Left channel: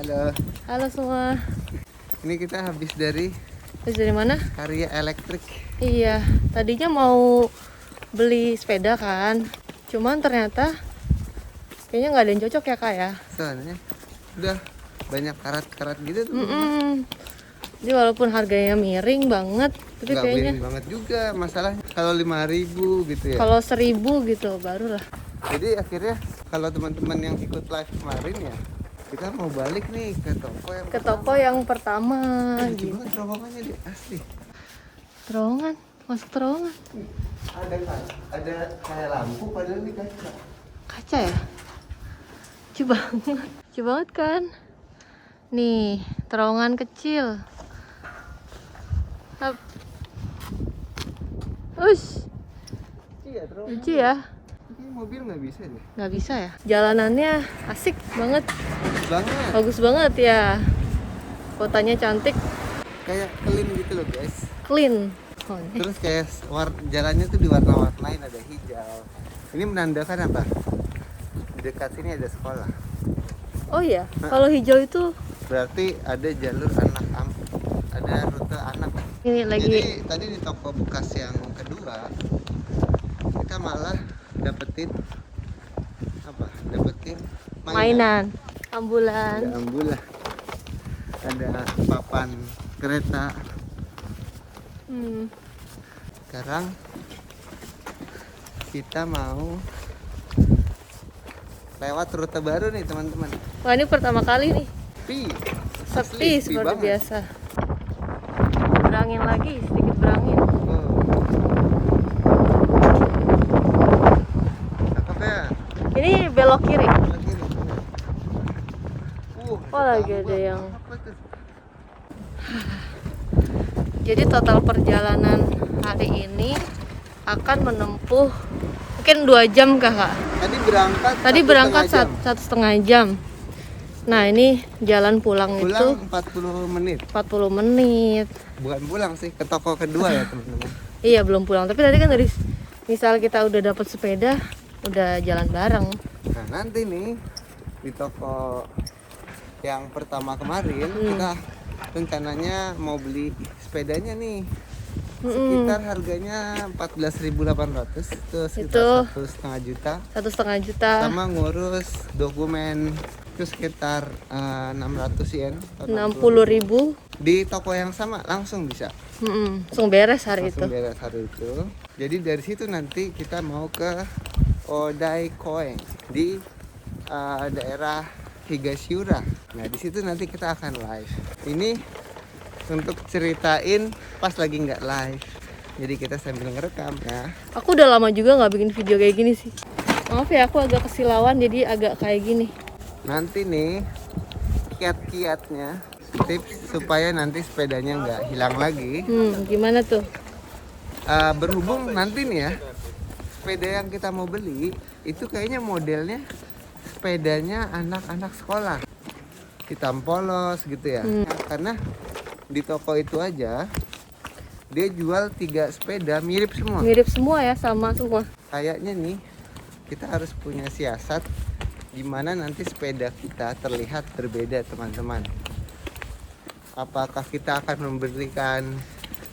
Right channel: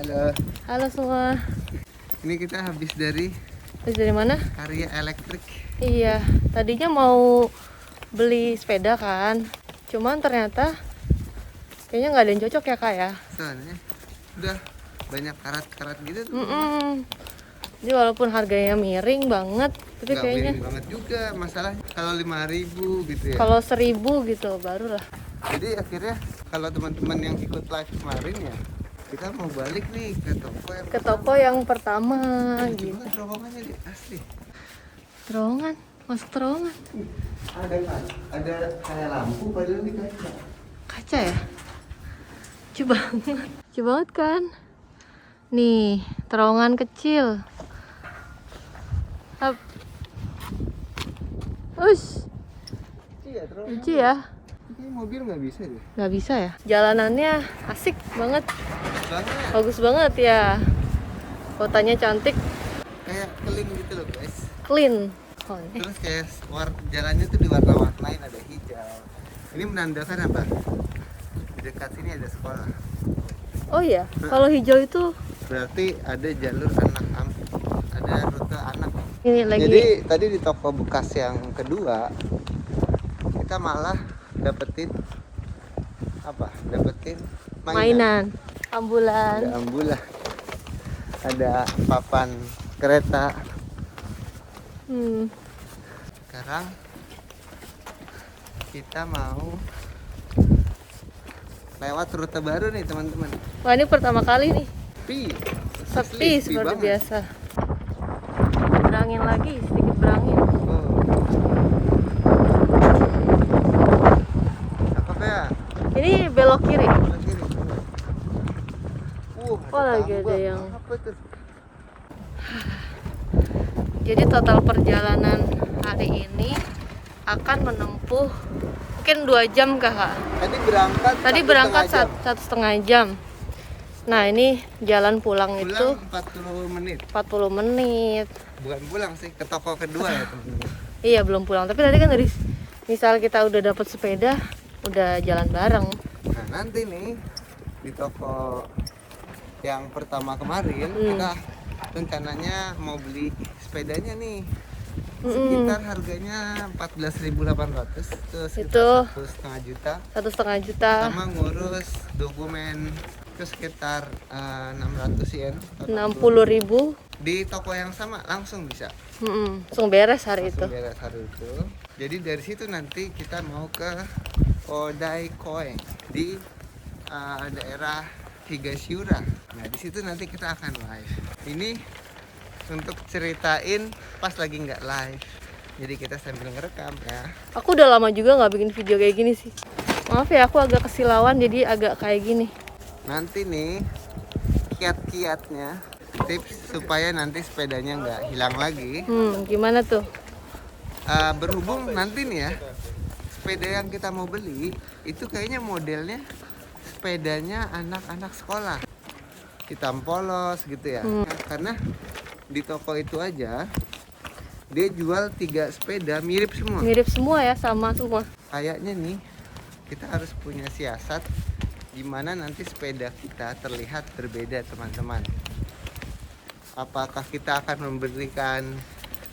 Halo. Halo semua. Ini kita habis dari Mana? Karya Elektrik. Iya, tadinya mau beli sepeda kan. Cuman ternyata kayaknya nggak ada yang cocok ya kak ya. Soalnya udah banyak karat-karat gitu tuh. Jadi walaupun harganya miring banget, tapi Nggak kayaknya miring banget juga. Masalahnya kalau 5.000 gitu ya. kalau 1.000 gitu baru lah. Jadi akhirnya kalau teman-teman yang ikut live kemarin ya, kita mau balik nih ke toko yang Pertama. lucu Gitu. banget terowongannya di asli. Terowongan, masuk terowongan. Ada kayak lampu padahal di kaca. Kaca ya? Lucu banget. Lucu banget kan? Nih, terowongan kecil. Hap. Ush, Iya, terowongan. lucu ya? Ini mobil nggak bisa deh. Nggak bisa ya? Jalanannya asik banget. Banget. Bagus banget ya. Kotanya cantik, Kayak clean gitu loh guys. clean. Terus kayak jalannya tuh diwarna-warnain, ada hijau. Ini menandakan apa? Di dekat sini ada sekolah. Oh iya, kalau hijau itu Berarti ada jalur anak ada rute anak. ini lagi. Jadi tadi di toko bekas yang kedua kita malah dapetin apa? Dapetin Mainan, ambulan. Ada ambulan. Ada papan kereta. Sekarang kita mau lewat rute baru nih teman-teman. Wah ini pertama kali nih. Sepi Sepi seperti banget. biasa. Berangin lagi, sedikit berangin. Oh. Apa ya? Ini belok kiri. Lagi nih. Oh lagi ada yang. Apa tuh? Jadi total perjalanan hari ini akan menempuh mungkin 2 jam kak. Tadi berangkat 1,5 jam. Nah ini jalan pulang itu Pulang 40 menit. 40 menit. Bukan pulang sih, ke toko kedua ya teman-teman. Iya belum pulang. Tapi tadi kan dari misal kita udah dapet sepeda, udah jalan bareng. Nah nanti nih di toko yang pertama kemarin kita rencananya mau beli sepedanya nih. Sekitar harganya 14.800, itu sekitar 1,5 juta. 1,5 juta. Sama ngurus dokumen itu sekitar 600 yen. 60.000. Di toko yang sama langsung bisa. Langsung beres hari Langsung itu. beres hari itu. Jadi dari situ nanti kita mau ke Odaikoe di daerah Higashiyura. Nah di situ nanti kita akan live. Ini untuk ceritain pas lagi nggak live. Jadi kita sambil ngerekam ya. Aku udah lama juga nggak bikin video kayak gini sih. Maaf ya aku agak kesilauan jadi agak kayak gini. Nanti nih kiat-kiatnya, tips supaya nanti sepedanya nggak hilang lagi. Gimana tuh? Berhubung nanti nih ya, sepeda yang kita mau beli itu kayaknya modelnya sepedanya anak-anak sekolah, hitam polos gitu ya. Karena di toko itu aja dia jual 3 sepeda mirip semua. Mirip semua ya, sama semua. Kayaknya nih kita harus punya siasat gimana nanti sepeda kita terlihat berbeda teman-teman. Apakah kita akan memberikan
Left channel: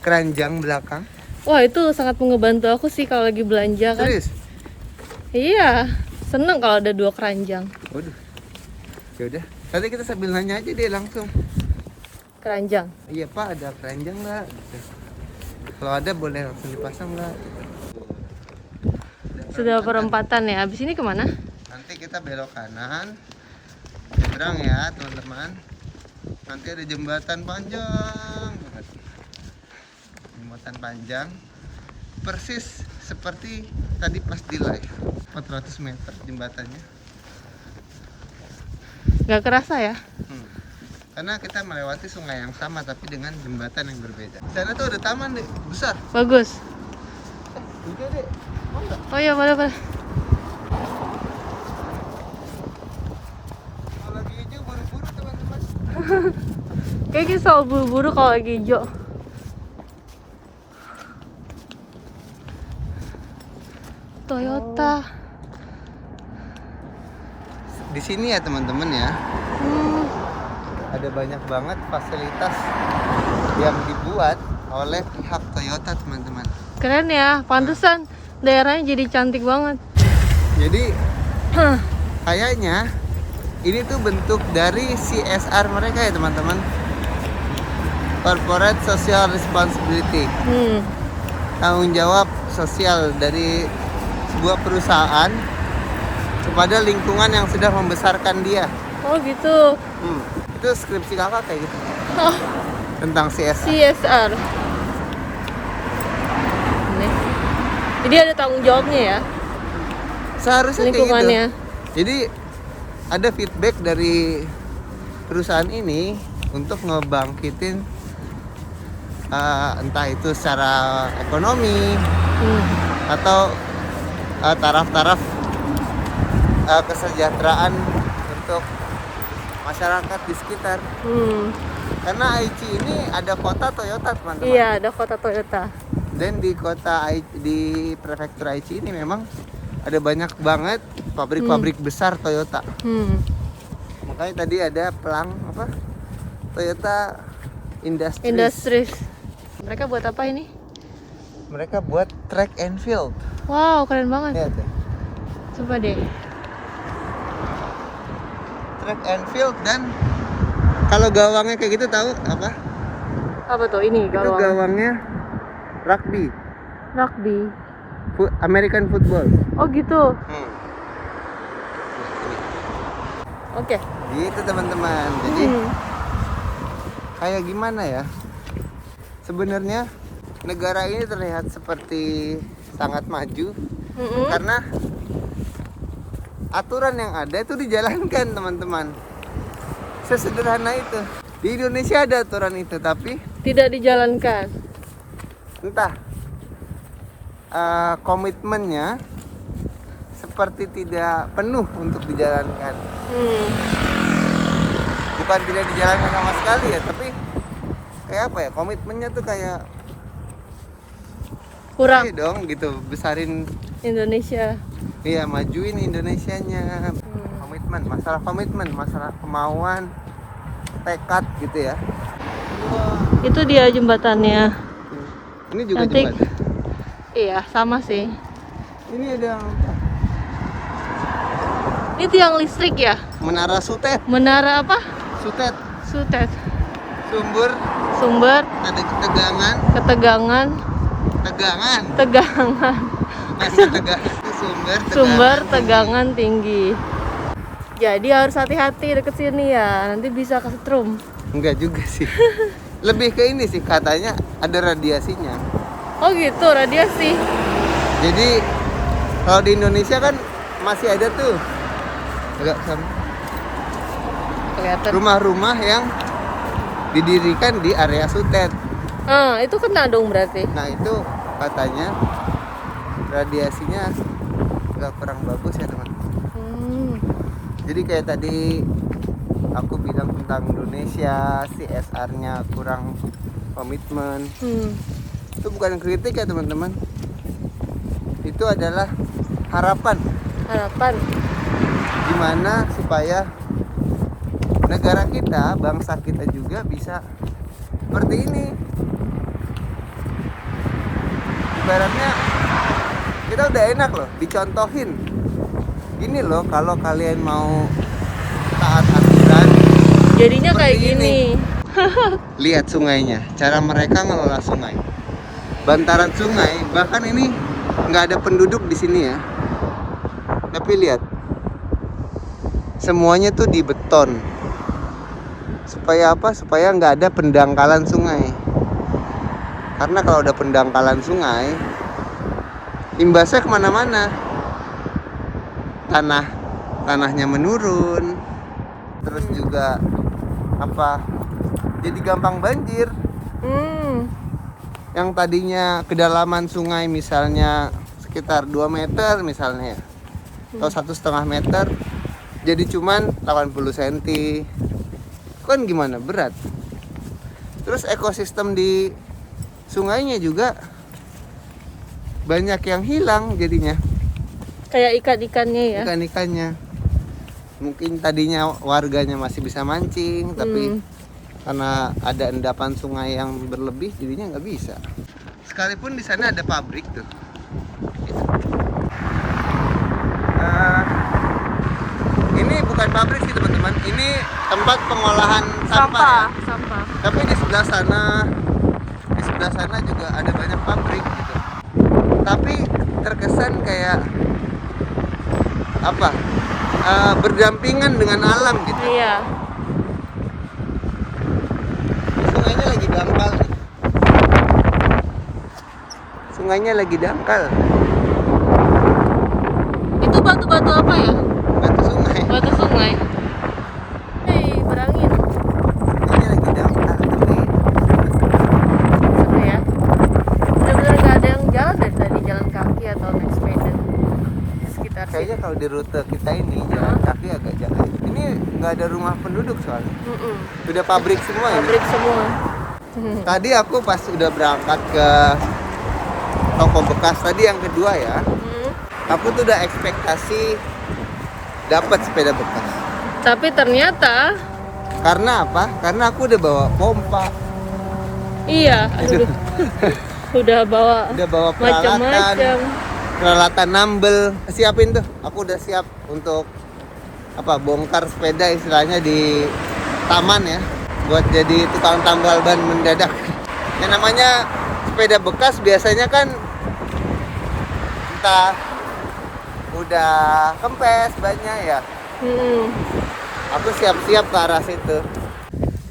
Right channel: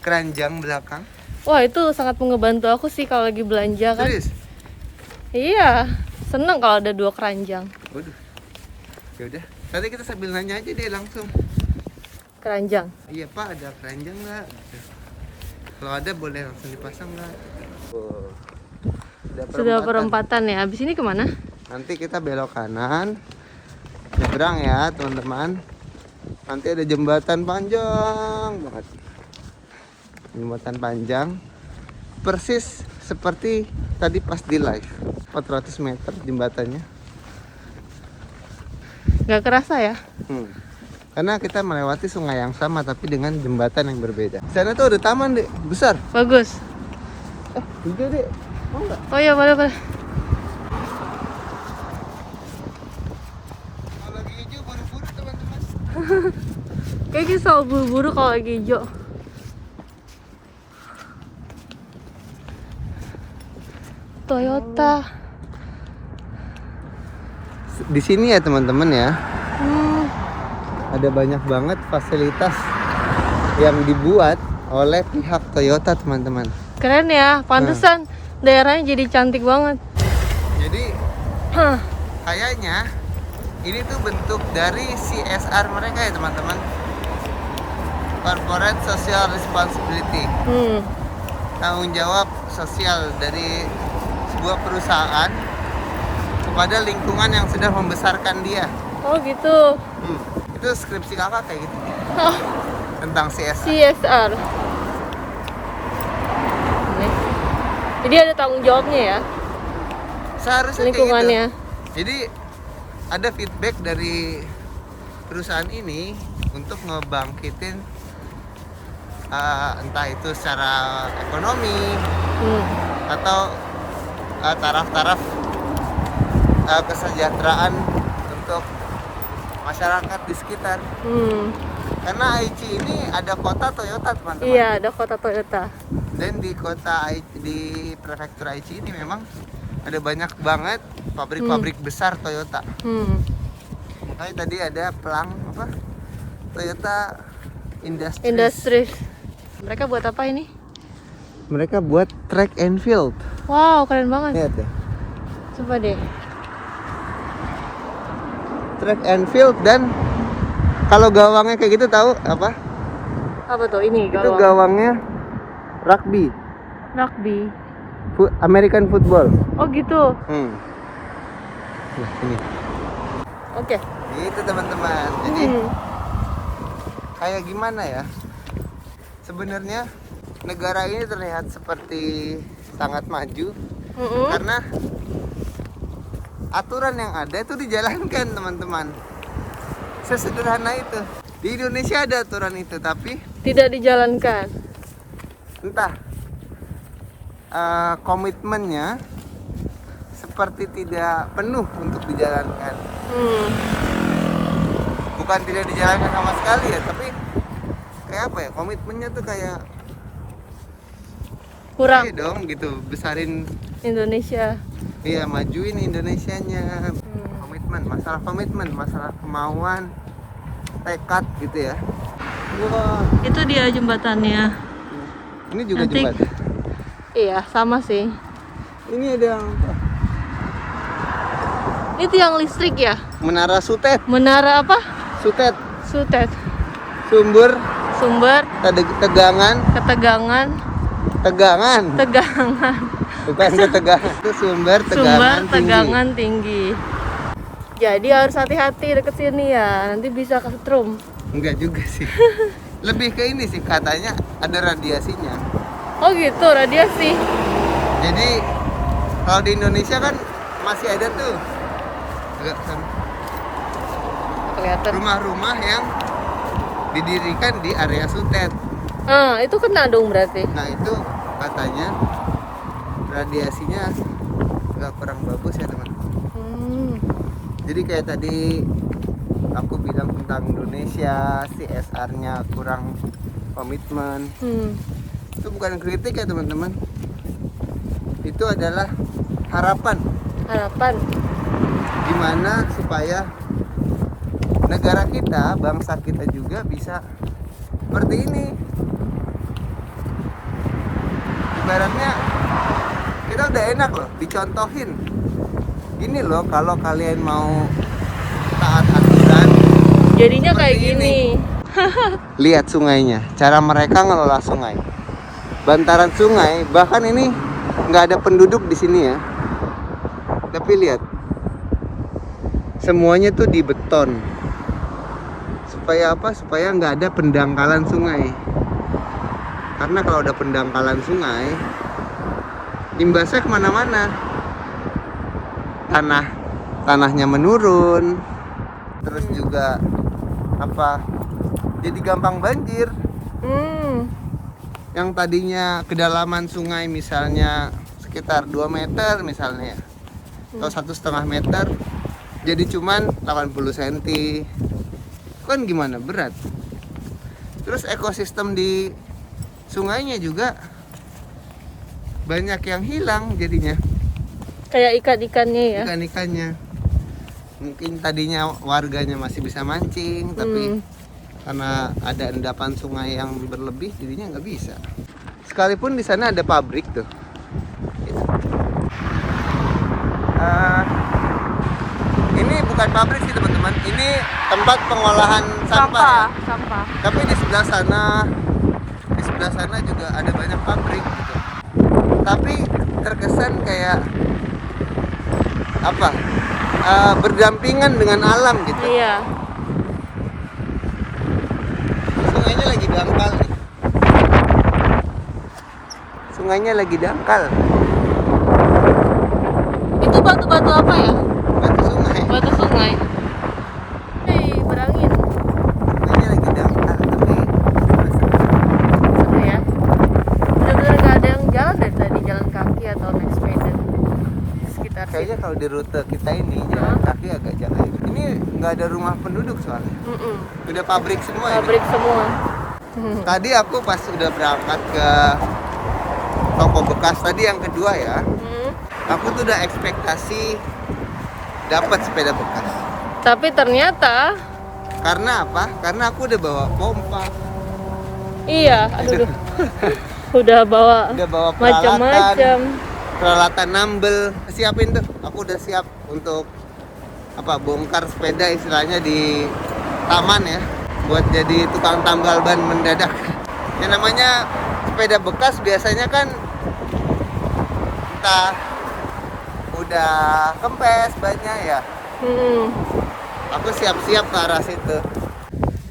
keranjang belakang? Wah itu sangat ngebantu aku sih kalau lagi belanja kan. Serius? Iya, seneng kalau ada 2 keranjang. Waduh. Ya udah, nanti kita sambil nanya aja deh langsung. Keranjang. Iya Pak, ada keranjang nggak? Kalau ada boleh langsung dipasang nggak? Sudah perempatan ya. Abis ini kemana? Nanti kita belok kanan, nyebrang ya teman-teman. Nanti ada jembatan panjang banget. Jembatan panjang, persis seperti tadi pas di live. 400 meter jembatannya. Gak kerasa ya? Karena kita melewati sungai yang sama tapi dengan jembatan yang berbeda. Di sana tuh ada taman deh, besar. Bagus. Juga deh. Oh iya boleh. Kalau lagi hijau buru-buru teman-teman. Kayaknya selalu buru-buru kalau lagi hijau. Toyota. Di sini ya teman-teman ya. ada banyak banget fasilitas yang dibuat oleh pihak Toyota, teman-teman. Keren ya, pantesan daerahnya jadi cantik banget. Jadi kayaknya ini tuh bentuk dari CSR mereka ya, teman-teman. Corporate Social Responsibility. Tanggung jawab sosial dari sebuah perusahaan kepada lingkungan yang sudah membesarkan dia. Oh gitu. Itu skripsi kakak kayak gitu. Oh, Tentang CSR. CSR. Nih. Jadi ada tanggung jawabnya ya, Seharusnya kayak gitu. lingkungannya. Jadi ada feedback dari perusahaan ini untuk ngebangkitin entah itu secara ekonomi atau taraf-taraf kesejahteraan untuk masyarakat di sekitar. Karena Aichi ini ada kota Toyota, teman-teman. Iya, ada kota Toyota. Dan di di prefektur Aichi ini memang ada banyak banget pabrik-pabrik besar Toyota. Makanya tadi ada pelang apa? Toyota Industries. Mereka buat apa ini? Mereka buat track and field. Wow, keren banget. Lihat deh. Coba deh. Track and field, dan kalau gawangnya kayak gitu tahu apa? Apa tuh ini Itu gawang? gawangnya rugby, Rugby. American football. Oh gitu. Nah, ini. Oke. Gitu, teman-teman. Jadi kayak gimana ya? Sebenarnya negara ini terlihat seperti sangat maju karena aturan yang ada itu dijalankan, teman-teman. Sesederhana itu. Di Indonesia ada aturan itu, tapi Tidak dijalankan. entah komitmennya seperti tidak penuh untuk dijalankan. Bukan tidak dijalankan sama sekali ya, tapi kayak apa ya, komitmennya tuh kayak Kurang. iya dong gitu, besarin Indonesia. iya, majuin Indonesianya. Komitmen, masalah kemauan, tekad gitu ya. Wah, Itu dia jembatannya. ini juga Nanti- jembatan. Iya, sama sih. Ini ada yang Ini tiang listrik ya? menara Sutet. Menara apa? Sutet, Sutet. sumber Sumber tegangan, ketegangan, tegangan. Bukan ketegangan, itu sumber sumber tinggi. tegangan tinggi. Jadi harus hati-hati deket sini ya, nanti bisa kesetrum. Enggak juga sih. Lebih ke ini sih, katanya ada radiasinya. Oh gitu, radiasi. Jadi kalau di Indonesia kan masih ada tuh agak Kelihatan. rumah-rumah yang didirikan di area Sutet. Itu kena dong berarti. Nah itu katanya radiasinya agak kurang bagus ya, teman. Jadi kayak tadi aku bilang tentang Indonesia, CSR-nya kurang komitmen. Itu bukan kritik ya, teman-teman. Itu adalah harapan. Gimana supaya negara kita, bangsa kita juga bisa seperti ini. Ibaratnya kita udah enak loh, dicontohin. Gini loh, kalau kalian mau taat aturan, Jadinya kayak seperti gini. lihat sungainya, cara mereka ngelola sungai, bantaran sungai. Bahkan ini nggak ada penduduk di sini ya, tapi lihat, semuanya tuh di beton. Supaya apa? Supaya nggak ada pendangkalan sungai. Karena kalau ada pendangkalan sungai, imbasnya kemana-mana. Tanahnya menurun, terus juga apa? Jadi gampang banjir. Yang tadinya kedalaman sungai misalnya sekitar 2 meter misalnya, atau 1,5 meter, jadi cuman 80 cm. Kan gimana, berat. Terus ekosistem di sungainya juga banyak yang hilang jadinya, Kayak ikan-ikannya ya. ikan-ikannya. mungkin tadinya warganya masih bisa mancing, tapi karena ada endapan sungai yang berlebih, jadinya nggak bisa. Sekalipun di sana ada pabrik tuh. Ini bukan pabrik sih teman-teman, ini tempat pengolahan sampah. Sampah. Tapi di sebelah sana juga ada banyak pabrik gitu. Tapi terkesan kayak apa? Berdampingan dengan alam gitu. Iya. Sungainya lagi dangkal nih. Sungainya lagi dangkal. Itu batu-batu apa ya? Batu sungai. Batu sungai. Berangin. Sungainya lagi dangkal tapi Seru ya. Bener-bener gak ada yang jalan deh tadi, jalan kaki atau naik sepeda. Sekitar kayaknya kalau di rute kita ini jalan kaki agak jauh. Ini nggak ada rumah penduduk soalnya. Udah pabrik semua ini. pabrik semua. Tadi aku pas udah berangkat ke toko bekas tadi yang kedua ya, aku tuh udah ekspektasi dapat sepeda bekas. Tapi ternyata Karena apa? Karena aku udah bawa pompa, iya, Itu. udah bawa udah bawa peralatan, macam-macam. peralatan nambel, siapin tuh. Aku udah siap untuk apa? Bongkar sepeda istilahnya di taman ya, buat jadi tukang tambal ban mendadak. Yang namanya sepeda bekas biasanya kan entah udah kempes banyak ya. Aku siap-siap ke arah situ.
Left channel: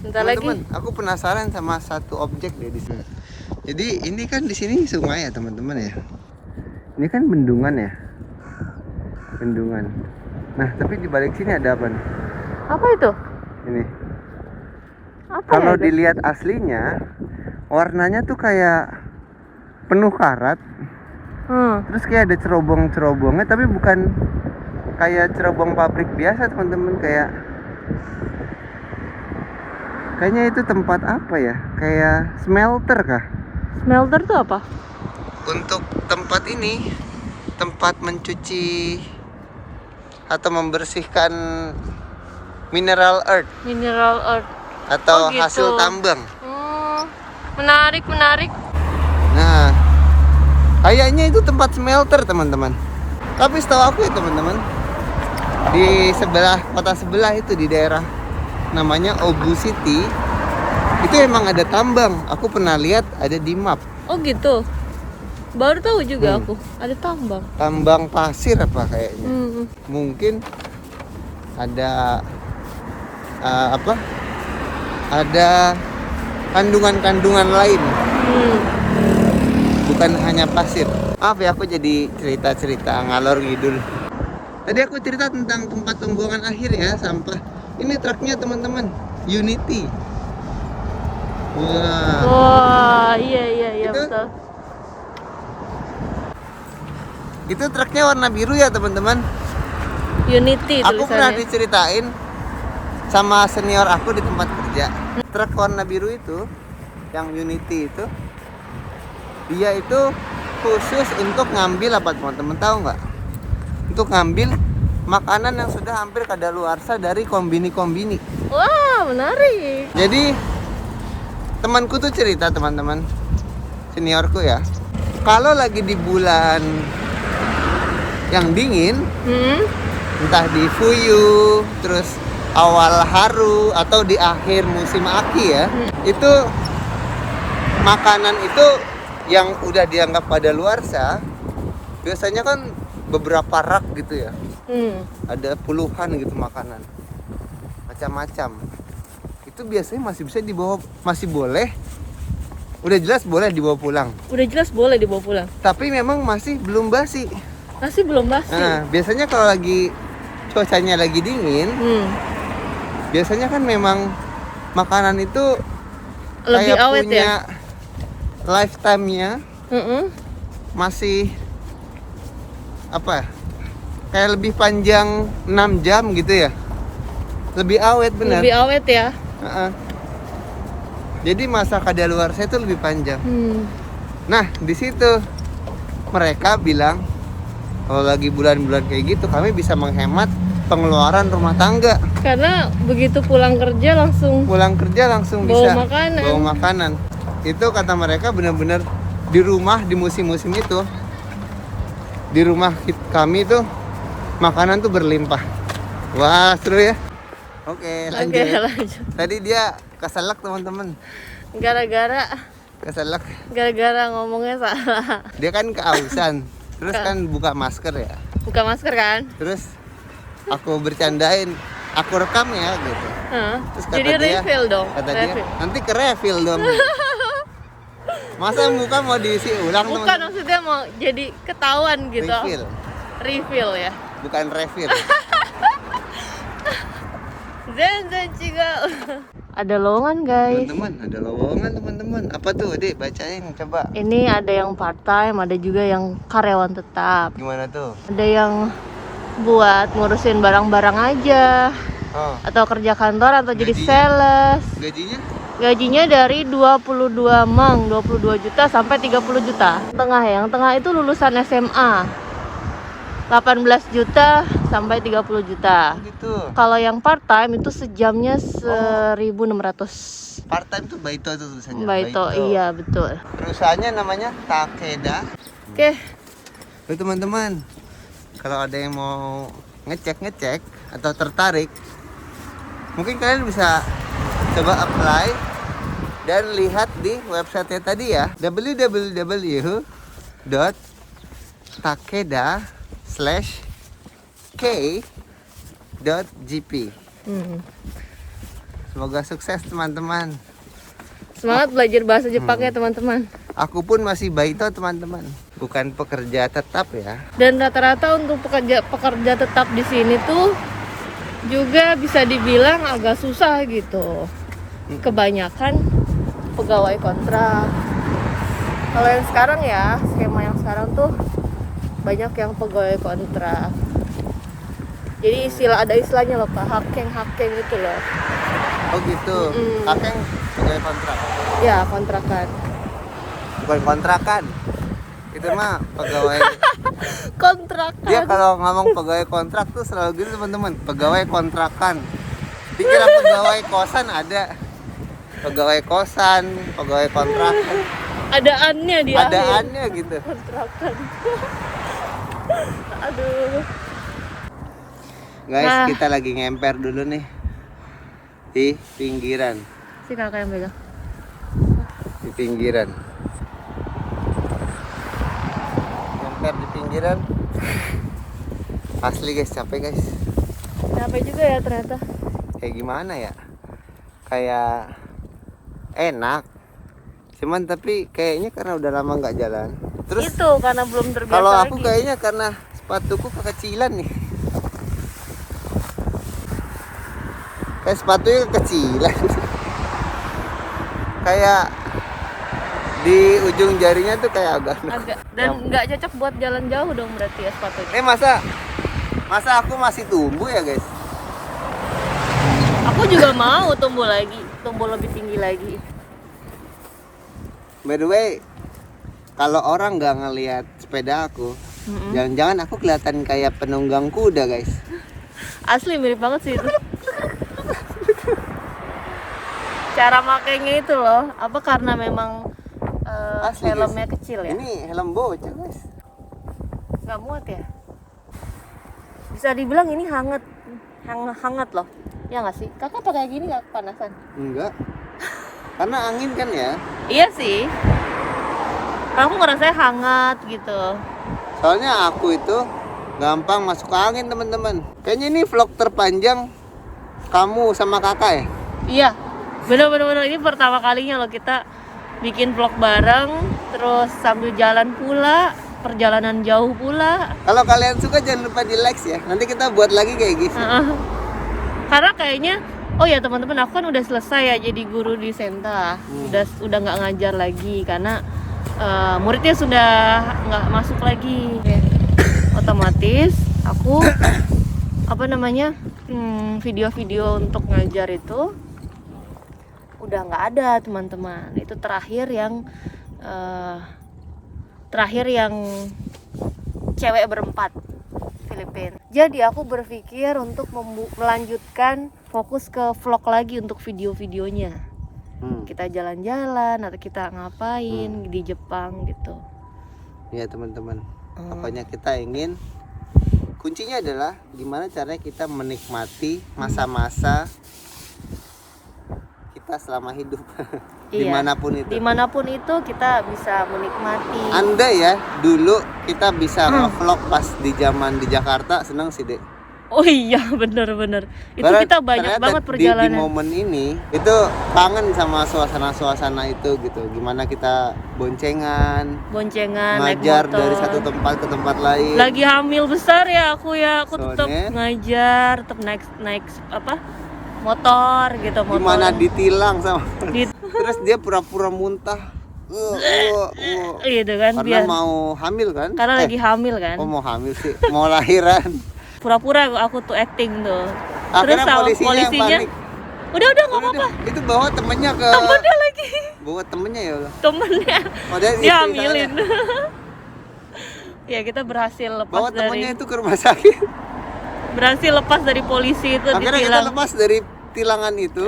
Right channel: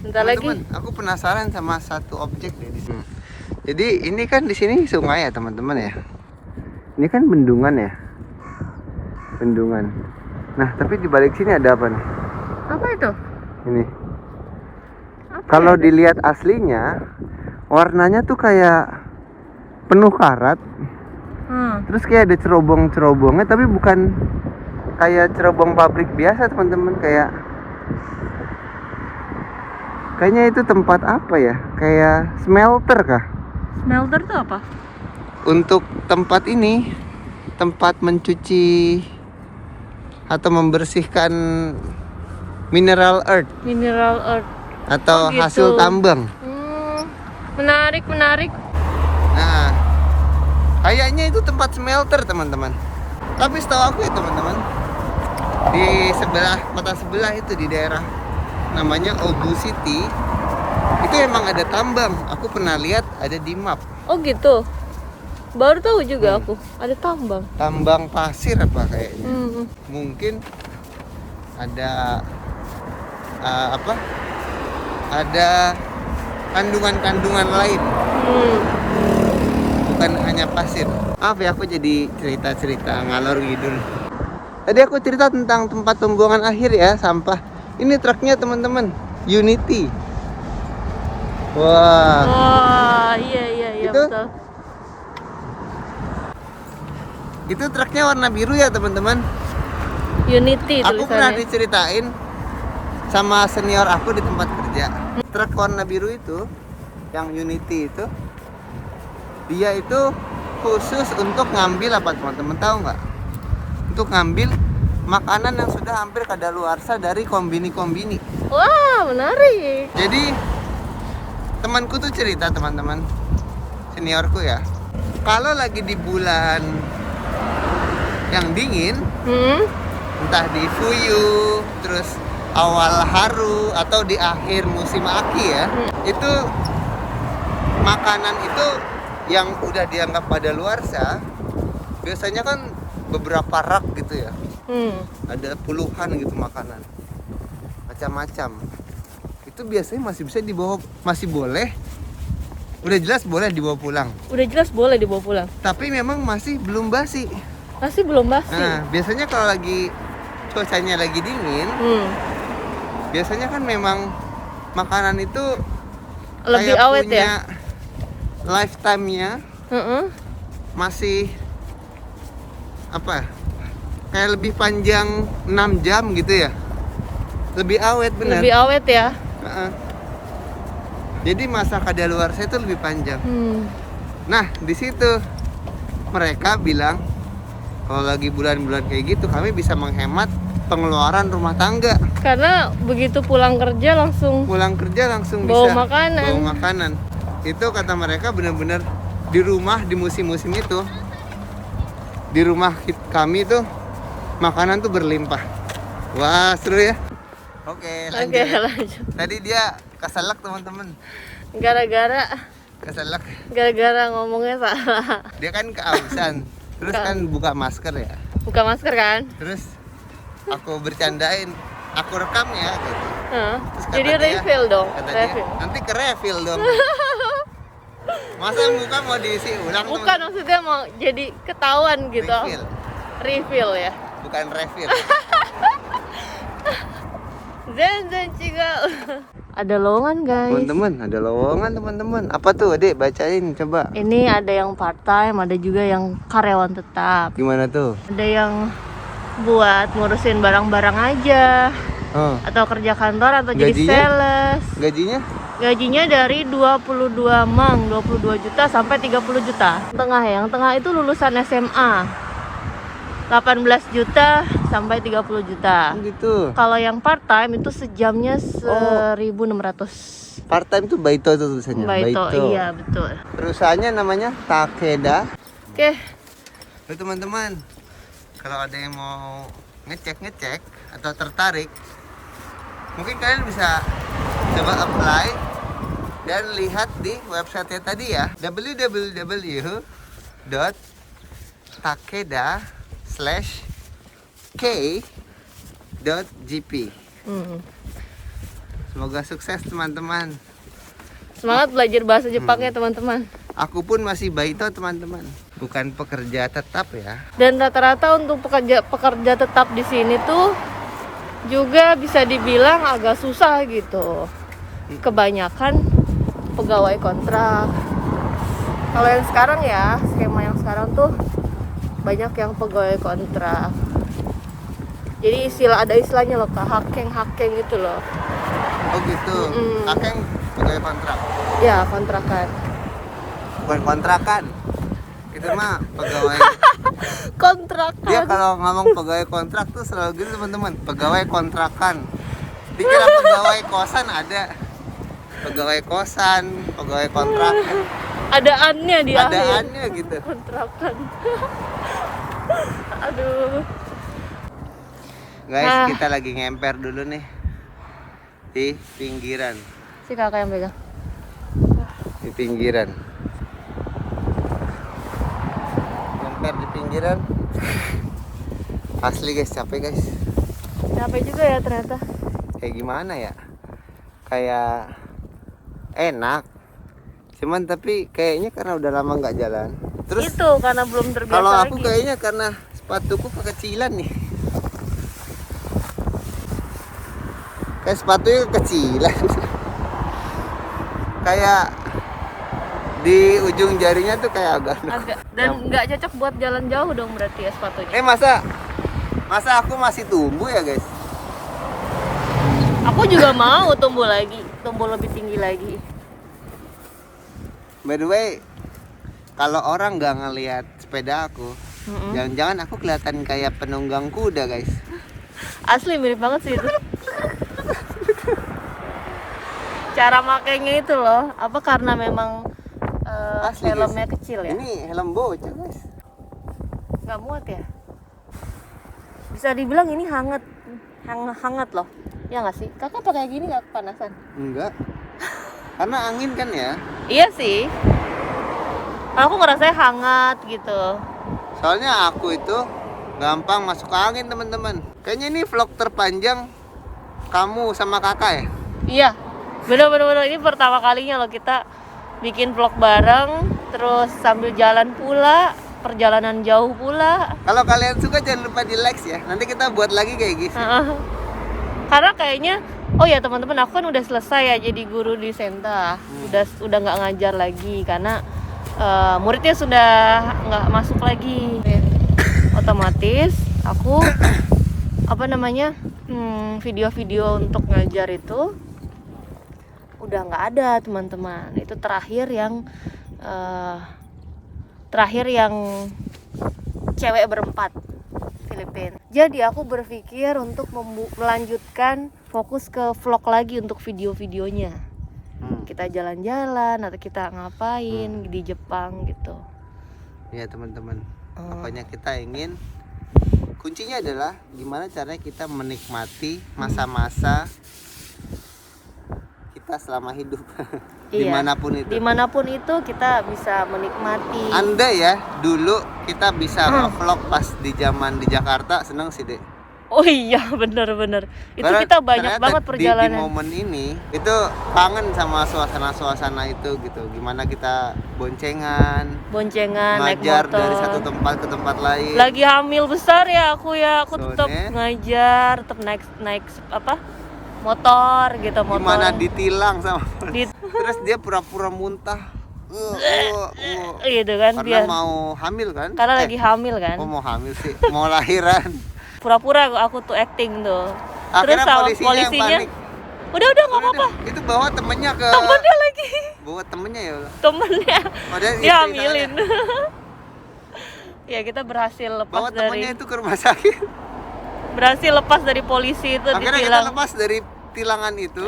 Bentar lagi. Teman-teman, aku penasaran sama satu objek deh di sini. Jadi ini kan di sini sungai ya teman-teman ya. Ini kan bendungan ya. Bendungan. Nah, tapi di balik sini ada apa nih? Apa itu? Ini. Apa Kalau ya? dilihat aslinya, warnanya tuh kayak penuh karat. Terus kayak ada cerobong-cerobongnya, tapi bukan kayak cerobong pabrik biasa teman-teman, kayaknya itu tempat apa ya? Kayak smelter kah? Smelter itu apa? Untuk tempat ini, tempat mencuci atau membersihkan mineral earth Mineral earth. atau Oh, gitu. hasil tambang. Menarik. Nah, kayaknya itu tempat smelter teman-teman. Tapi setahu aku ya teman-teman, di sebelah kota sebelah itu di daerah namanya Ogu City itu emang ada tambang. Aku pernah lihat ada di map. Oh gitu. Baru tahu juga aku ada tambang. Tambang pasir apa kayaknya. Mungkin ada apa? Ada kandungan-kandungan lain. Bukan hanya pasir. Maaf ya, aku jadi cerita-cerita ngalor ngidul. Tadi aku cerita tentang tempat pembuangan akhir ya, sampah. Ini truknya teman-teman, Unity. Wah. Wah, iya Itu? betul. Itu truknya warna biru ya teman-teman. Unity Aku pernah tulisannya. diceritain sama senior aku di tempat kerja. Truk warna biru itu, yang Unity itu, dia itu khusus untuk ngambil apa teman-teman tahu nggak? Untuk ngambil makanan yang sudah hampir kadaluarsa dari kombini-kombini. Wah, menarik. Jadi temanku tuh cerita teman-teman, seniorku ya, kalau lagi di bulan yang dingin, entah di Fuyu, terus awal haru atau di akhir musim aki ya, itu makanan itu yang udah dianggap kadaluarsa biasanya kan beberapa rak gitu ya. Ada puluhan gitu makanan macam-macam. Itu biasanya masih bisa dibawa, masih boleh. Udah jelas boleh dibawa pulang. Udah jelas boleh dibawa pulang. Tapi memang masih belum basi. Masih belum basi. Nah, biasanya kalau lagi cuacanya lagi dingin, biasanya kan memang makanan itu Lebih kayak awet punya ya. lifetime-nya masih apa? Kayak lebih panjang 6 jam gitu ya. Lebih awet benar. Lebih awet ya. Jadi masa kadaluarsa itu lebih panjang. Nah, di situ mereka bilang kalau lagi bulan-bulan kayak gitu kami bisa menghemat pengeluaran rumah tangga. Karena begitu pulang kerja langsung Bisa makanan. bawa makanan. Itu kata mereka benar-benar di rumah di musim-musim itu, di rumah kami tuh makanan tuh berlimpah. Wah, seru ya. Oke, lanjut. lanjut. Tadi dia keselak teman-teman. Gara-gara ngomongnya salah. Dia kan kehausan. Terus kan buka masker ya. Buka masker kan? Terus aku bercandain, aku rekam ya gitu. Terus kata Jadi dia, refill dong. kata dia, nanti ke refill dong. Masa muka mau diisi ulang Bukan, teman? maksudnya mau jadi ketahuan gitu. Refill ya. Bukan refill. Zen cigau. Ada lowongan guys. Teman-teman, ada lowongan teman-teman. Apa tuh, Adik? Bacain coba. Ini ada yang part time, ada juga yang karyawan tetap. Gimana tuh? Ada yang buat ngurusin barang-barang aja, atau kerja kantor atau jadi sales. Gajinya? Gajinya dari 22 juta sampai 30 juta. Yang tengah itu lulusan SMA. 18 juta sampai 30 juta. Gitu. Kalau yang part time itu sejamnya 1.600. Part time tuh Baito tuh tulisannya. Baito, iya betul. Perusahaannya namanya Takeda. Oke. Lalu teman-teman, kalau ada yang mau ngecek atau tertarik, mungkin kalian bisa coba apply dan lihat di website tadi ya, www.takeda/k.gp. Semoga sukses teman-teman. Semangat belajar bahasa Jepangnya teman-teman. Aku pun masih Baito teman-teman, bukan pekerja tetap ya. Dan rata-rata untuk pekerja tetap di sini tuh juga bisa dibilang agak susah gitu. Kebanyakan pegawai kontrak. Kalau yang sekarang ya, skema yang sekarang tuh banyak yang pegawai kontrak. Jadi ada istilahnya loh, hakeng gitu loh. Oh gitu. Hakeng pegawai kontrak. Ya, kontrakan. Bukan kontrakan. Itu mah pegawai Kontrakan. Dia kalau ngomong pegawai kontrak tuh selalu gitu teman-teman, pegawai kontrakan. Dikira pegawai kosan ada. Pegawai kosan, pegawai kontrakan. Ada annya di Ada akhir. annya gitu. Kontrakan. Aduh. Guys, kita lagi ngemper dulu nih di pinggiran. Si kakak yang pegang. Di pinggiran. Ngemper di pinggiran. Asli guys, capek guys. Capek juga ya ternyata. Kayak gimana ya? Kayak enak. Cuman tapi kayaknya karena udah lama nggak jalan. Terus itu karena belum terbiasa. kalau aku lagi. kayaknya karena sepatuku kekecilan nih. Kayak sepatunya kekecilan. Kayak di ujung jarinya tuh kayak agak. Dan nggak cocok buat jalan jauh dong berarti ya sepatunya. Masa aku masih tumbuh ya guys? Aku juga mau tumbuh lebih tinggi lagi. By the way, kalau orang nggak ngelihat sepeda aku, jangan-jangan aku kelihatan kayak penunggang kuda guys. Asli mirip banget sih itu. Cara makainya itu loh, apa karena memang Asli, helmnya guys. kecil ya? Ini helm bocah guys. Nggak muat ya? Bisa dibilang ini hangat loh. Ya nggak sih? Kakak pakai gini nggak kepanasan? Enggak. Karena angin kan ya. Iya sih. Aku ngerasanya hangat gitu. Soalnya aku itu gampang masuk angin teman-teman. Kayaknya ini vlog terpanjang kamu sama kakak ya? Iya. Bener-bener ini pertama kalinya loh kita bikin vlog bareng, terus sambil jalan pula, perjalanan jauh pula. Kalau kalian suka jangan lupa di like ya. Nanti kita buat lagi kayak gitu. Karena kayaknya, oh ya teman-teman, aku kan udah selesai ya jadi guru di Senta. Udah nggak ngajar lagi karena muridnya sudah nggak masuk lagi. Otomatis aku video-video untuk ngajar itu udah nggak ada teman-teman. Itu terakhir yang cewek berempat Filipina. Jadi aku berpikir untuk melanjutkan fokus ke vlog lagi untuk video-videonya. Kita jalan-jalan atau kita ngapain di Jepang gitu. Ya teman-teman, pokoknya kita ingin, kuncinya adalah gimana caranya kita menikmati masa-masa kita selama hidup. Dimanapun itu kita bisa menikmati. Andai ya dulu kita bisa nge-vlog pas di zaman di Jakarta, seneng sih Dek. Oh iya, bener-bener. Itu Karena kita banyak banget perjalanan. Di momen ini itu kangen sama suasana-suasana itu gitu. Gimana kita boncengan, ngajar naik motor. dari satu tempat ke tempat lain. Lagi hamil besar ya aku tetap Soalnya, ngajar, tetap naik apa? Motor gitu, motor. Gimana ditilang sama terus dia pura-pura muntah. Gitu kan, karena mau hamil kan? Karena lagi hamil kan. Oh, mau hamil sih, mau lahiran. Pura-pura aku tuh acting tuh. Akhirnya Terus polisinya yang panik. Udah nggak apa-apa. Itu bawa temennya ke. Temennya lagi. Bawa temennya ya Allah. Temennya. Oh, dia Dia istri hamilin. saya. Ya kita berhasil lepas Bawa dari. temennya itu ke rumah sakit. Berhasil lepas dari polisi itu. Akhirnya kita lepas dari tilangan itu.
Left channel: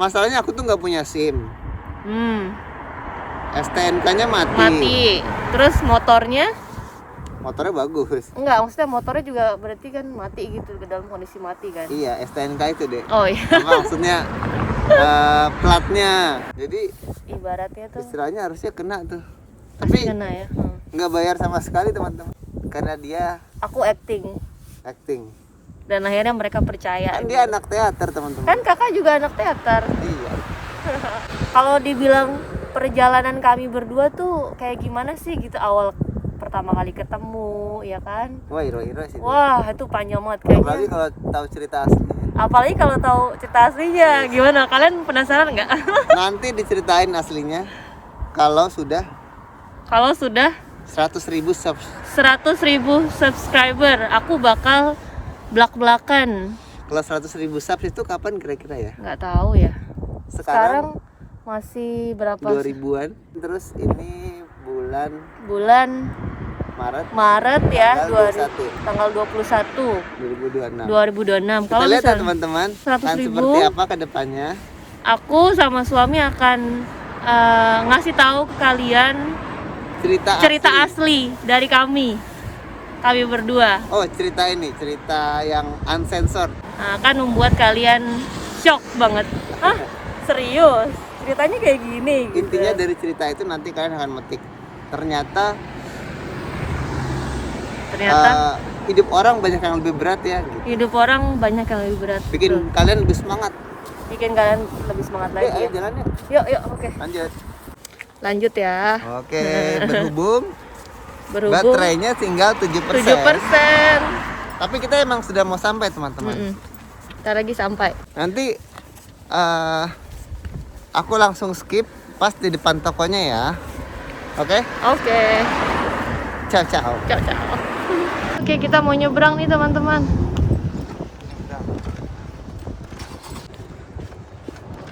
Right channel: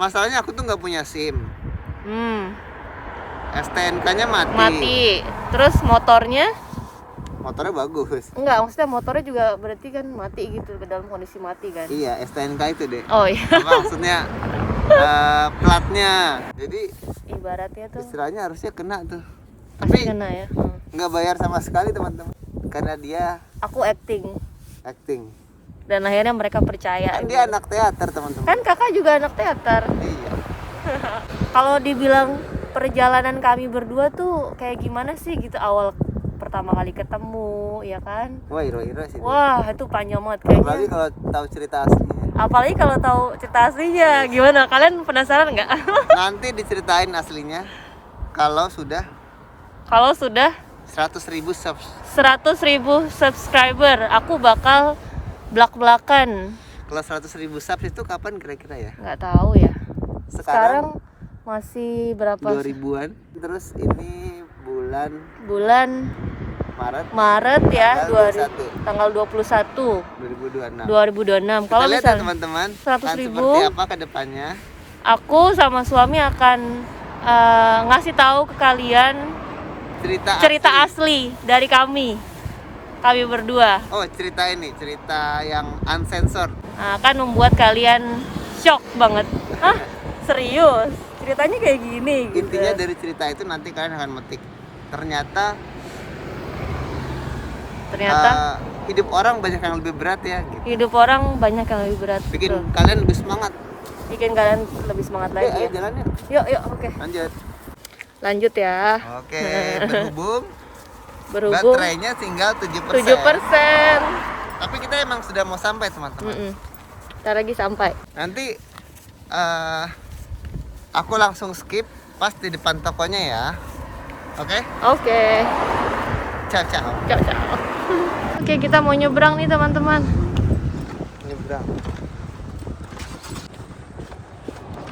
Masalahnya aku tuh nggak punya SIM. STNK-nya mati. Terus motornya bagus. Enggak, maksudnya motornya juga berarti kan mati gitu, ke dalam kondisi mati kan. Iya, STNK itu deh. Oh iya. Apa maksudnya platnya. Jadi ibaratnya tuh istilahnya harusnya kena tuh. Tapi kena ya. Nggak bayar sama sekali teman-teman. Karena dia Aku acting. Dan akhirnya mereka percaya. Kan dia anak teater teman-teman. Kan kakak juga anak teater. Iya. Kalau dibilang perjalanan kami berdua tuh kayak gimana sih gitu awal pertama kali ketemu, ya kan? Wah, iro-iro sih. Wah, itu panjang banget kayaknya. Apalagi kalau tahu cerita aslinya. Apalagi kalau tahu cerita aslinya. Gimana? Kalian penasaran nggak? Nanti diceritain aslinya kalau sudah 100.000 subs. 100.000 subscriber, aku bakal blak-blakan. Kalau 100.000 subs itu kapan kira-kira ya? Nggak tahu ya. Sekarang masih berapa? 2000-an. Terus ini bulan Maret ya, tanggal 21 2026. 2026. Kita lihat ya teman-teman, kan 100.000, seperti apa ke depannya. Aku sama suami akan ngasih tahu ke kalian cerita asli dari kami berdua. Oh, cerita yang uncensored. Akan membuat kalian shock banget. Hah? Serius? Ceritanya kayak gini gitu. Intinya dari cerita itu nanti kalian akan metik. Ternyata hidup orang banyak yang lebih berat ya gitu. Hidup orang banyak yang lebih berat. Bikin kalian lebih semangat. Lagi. Ayo jalan yuk. Yuk, oke. Lanjut ya. Oke, berhubung baterainya tinggal 7%. Tapi kita emang sudah mau sampai teman-teman. Ntar lagi sampai. Nanti aku langsung skip pas di depan tokonya ya. Oke? Ciao. Oke, kita mau nyebrang nih teman-teman.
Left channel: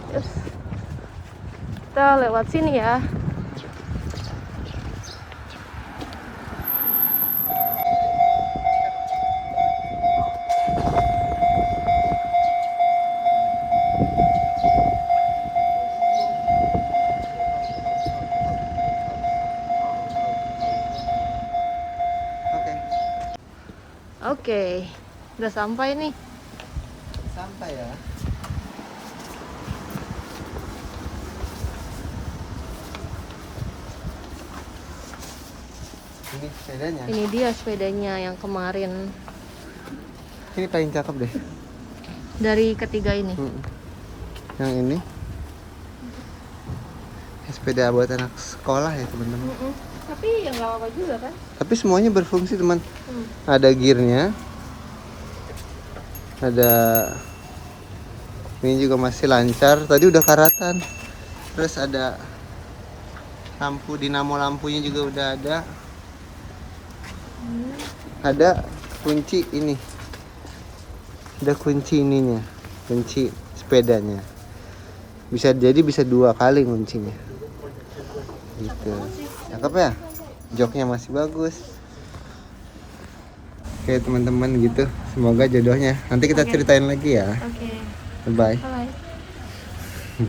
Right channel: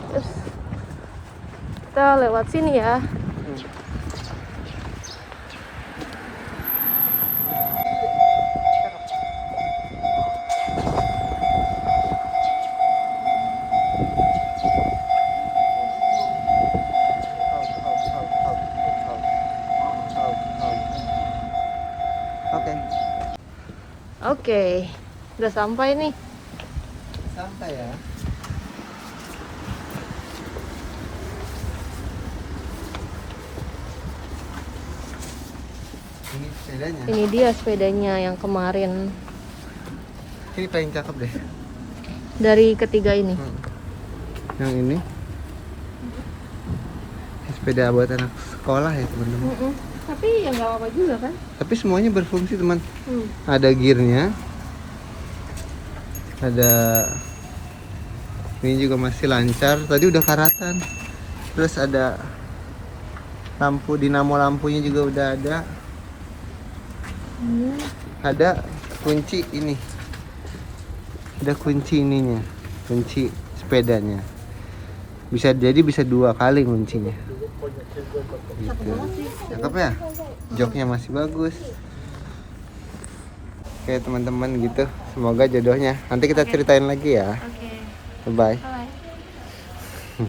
Terus kita lewat sini ya. Oke, udah sampai nih. Sampai ya. Ini sepedanya. Ini dia sepedanya yang kemarin. Ini paling cakep deh. Dari ketiga ini. Yang ini. Sepeda buat anak sekolah ya teman-teman. Tapi ya nggak apa juga kan? Tapi semuanya berfungsi teman. Ada gearnya. Ada ini juga masih lancar. Tadi udah karatan. Terus ada lampu dinamo, lampunya juga udah ada. Ada kunci ini. Ada kunci ininya. Kunci sepedanya. Bisa 2 kali kuncinya. Gitu. Cakep ya? Joknya masih bagus. kayak teman-teman gitu. Semoga jodohnya. Nanti kita Oke. ceritain lagi ya. Oke. Bye. Bye.